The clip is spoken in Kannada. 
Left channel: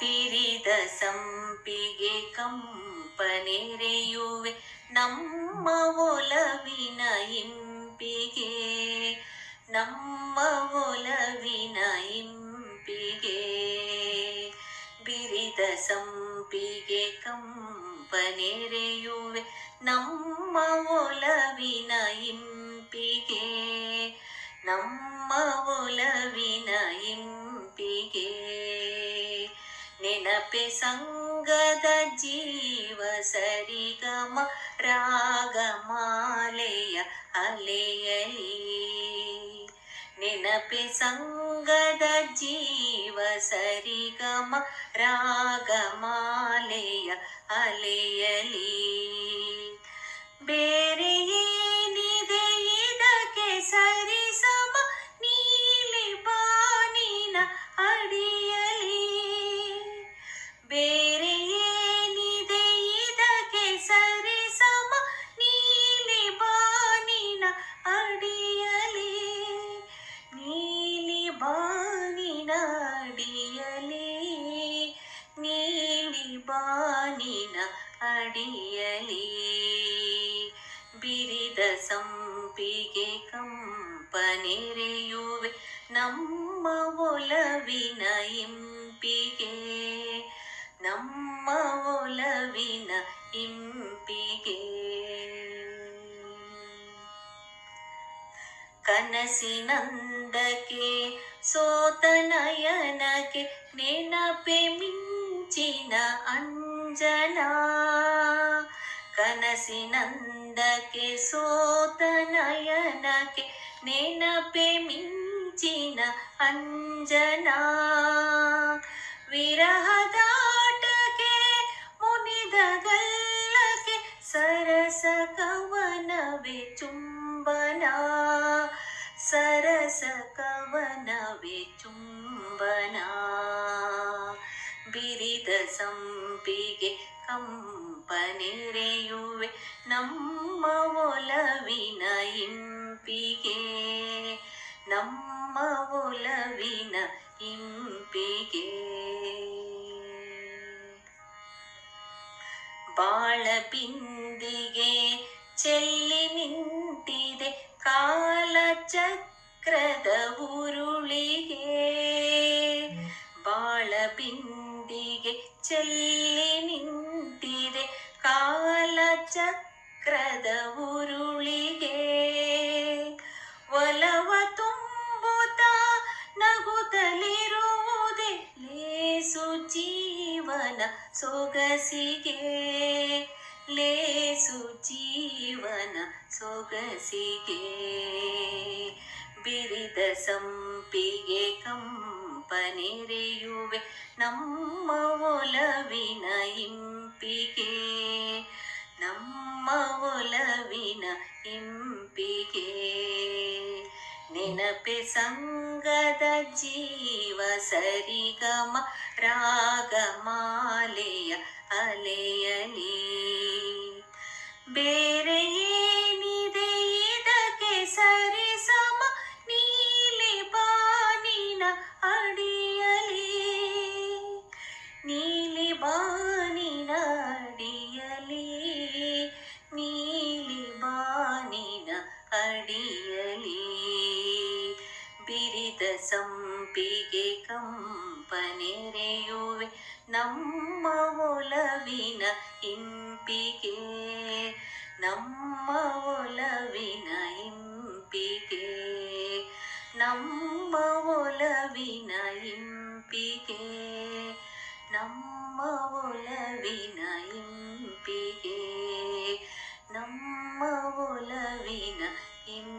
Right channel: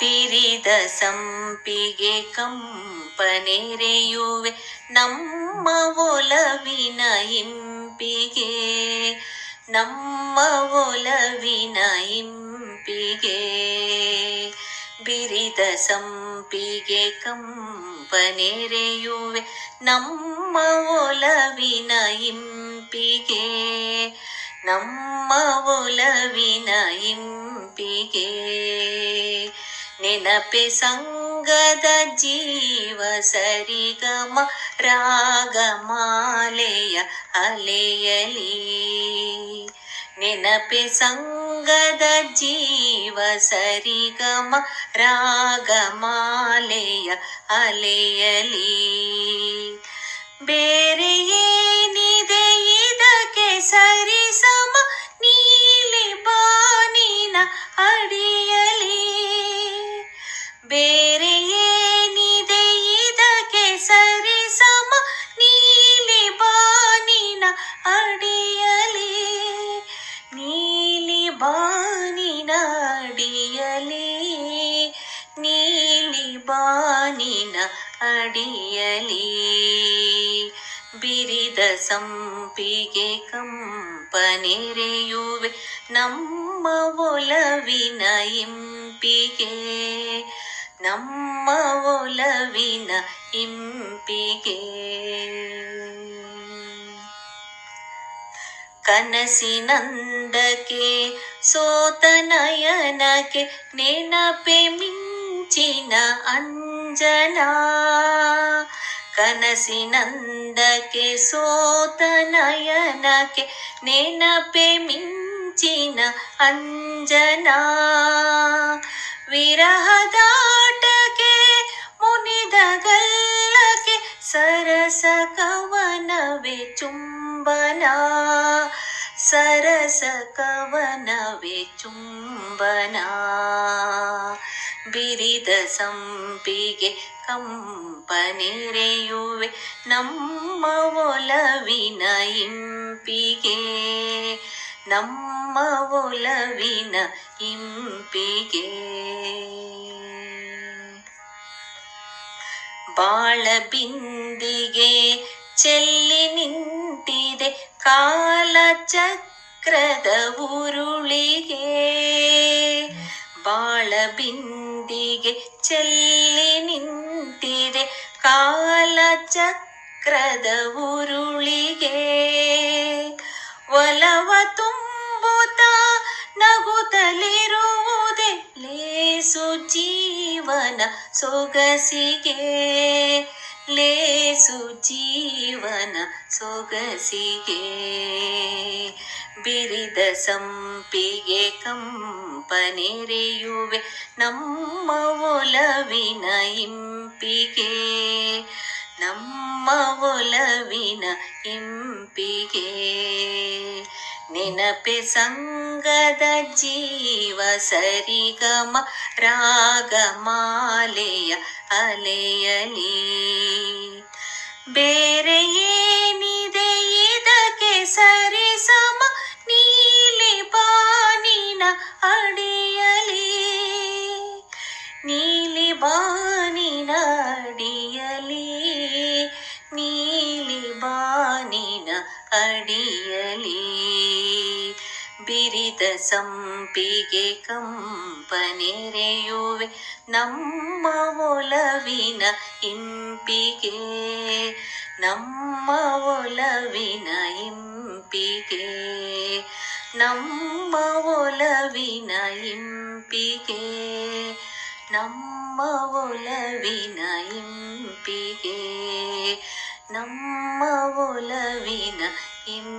ಬಿರಿದ ಸಂಪಿಗೆ ಕಂಪನೆರೆಯುವೆ ನಮ್ಮ ಒಲವಿನ ಇಂಪಿಗೆ, ನಮ್ಮ ಒಲವಿನ ಇಂಪಿಗೆ. ಬಿರಿದ ಸಂಪಿಗೆ ಕಂಪನೆರೆಯುವೆ ನಮ್ಮ ಒಲವಿನ ಇಂಪಿಗೆ, ನಮ್ಮ ಒಲವಿನ ಇಂಪಿಗೆ. ನೆನಪೆ ಸಂಗದ ಜೀವ ಸರಿಗಮ ರಾಗಮಾಲೆಯ ಅಲೆಯಲಿ, ನೆನಪೆ ಸಂಗದ ಜೀವ ಸರಿಗಮ ರಾಗಮಾಲೆಯ ಅಲೆಯಲಿ. ಬೇರೆ ಏನಿದೆ ಇದಕ್ಕೆ ಸರಿಸಮ ನೀಲಿ ಬಾನಿನ ಅಡಿಯಲಿ, ಬೇರೆ ಏನಿದೆ ಇದಕ್ಕೆ ಸರಿಸಮ ನೀಲಿ ಬಾನಿನ ಅಡಿಯಲಿ, ನೀಲಿ ಬಾನಿನ ಅಡಿಯಲಿ, ನೀಲಿ ಬಾನಿನ ಅಡಿಯಲಿ. ಬಿರಿದ ಸಂಪಿಗೆ ಕಂಪನೆರೆಯುವೆ ನಮ್ಮ ಒಲವಿನ ಇಂಪಿಗೆ, ನಮ್ಮ ಒಲವಿನ ಇಂಪಿಗೆ. ಕನಸಿನಂದಕ್ಕೆ ಸೋತ ನಯನಕ್ಕೆ ನೆನಪೆ ಮಿಂಚಿನ ಅಂಜನಾ, ಕನಸಿನಂದಕ್ಕೆ ಸೋತ ನಯನಕ್ಕೆ ನೆನಪೆ ಮಿಂಚಿನ ಅಂಜನಾ. ವಿರಹದಾಟಕ್ಕೆ ಮುನಿದ ಗಲ್ಲಕ್ಕೆ ಸರಸ ಕವನವೇ ಚುಂಬನ, ಸರಸ ಕವನವೇ ಚುಂಬನ. ಬಿರಿದ ಸಂಪಿಗೆ ಕಂಪನೆರೆಯುವೆ ನಮ್ಮ ಒಲವಿನ ಇಂಪಿಗೆ, ನಮ್ಮ ಒಲವಿನ ಇಂಪಿಗೆ. ಬಾಳ ಬಿಂದಿಗೆ ಚೆಲ್ಲಿ ನಿಂತಿದೆ ಕಾಲ ಚಕ್ರದ ಉರುಳಿಗೆ, ಬಾಳ ಬಿಂದಿಗೆ ಚೆಲ್ಲಿ ನಿಂತಿದೆ ಕಾಲ ಚಕ್ರದ ಉರುಳಿಗೆ. ಒಲವ ತುಂಬುತ್ತ ನಗುತ್ತಲಿರುವುದೇ ಲೇಸು ಜೀವನ ಸೊಗಸಿಗೆ, ಲೇಸು ಜೀವನ ಸೊಗಸಿಗೆ. ಬಿರಿದ ಸಂಪಿಗೆ ಕಂಪನೆರೆಯುವೆ ನಮ್ಮ ಒಲವಿನ ಇಂಪಿಗೆ, ನಮ್ಮ ಒಲವಿನ ಇಂಪಿಗೆ. ನೆನಪೆ ಸಂಗದ ಜೀವ ಸರಿಗಮ ರಾಗಮಾಲೆಯ ಅಲೆಯಲಿ, ಬೇರೆ ಏನಿದೆ ಇದಕ್ಕೆ ಸರಿಸಮ ನೀಲಿ ಬಾನಿನ ಅಡಿಯಲಿ, ನೀಲಿ ಬಾನಿನ ಅಡಿಯಲಿ, ನೀಲಿ ಬಾನಿನ ಅಡಿಯಲಿ. ಬಿರಿದ ಸಂಪಿಗೆ ಕಂಪನೆರೆಯುವೆ ನಮ್ಮ ಒಲವಿನ ಇಂಪಿಗೆ, ನಮ್ಮ ಒಲವಿನ ಇಂಪಿಗೆ, ನಮ್ಮ ಒಲವಿನ ಇಂಪಿಗೆ, ನಮ್ಮ ಒಲವಿನ ಇಂಪಿಗೆ, ನಮ್ಮ ಒಲವಿನ ಇಂಪಿಗೆ.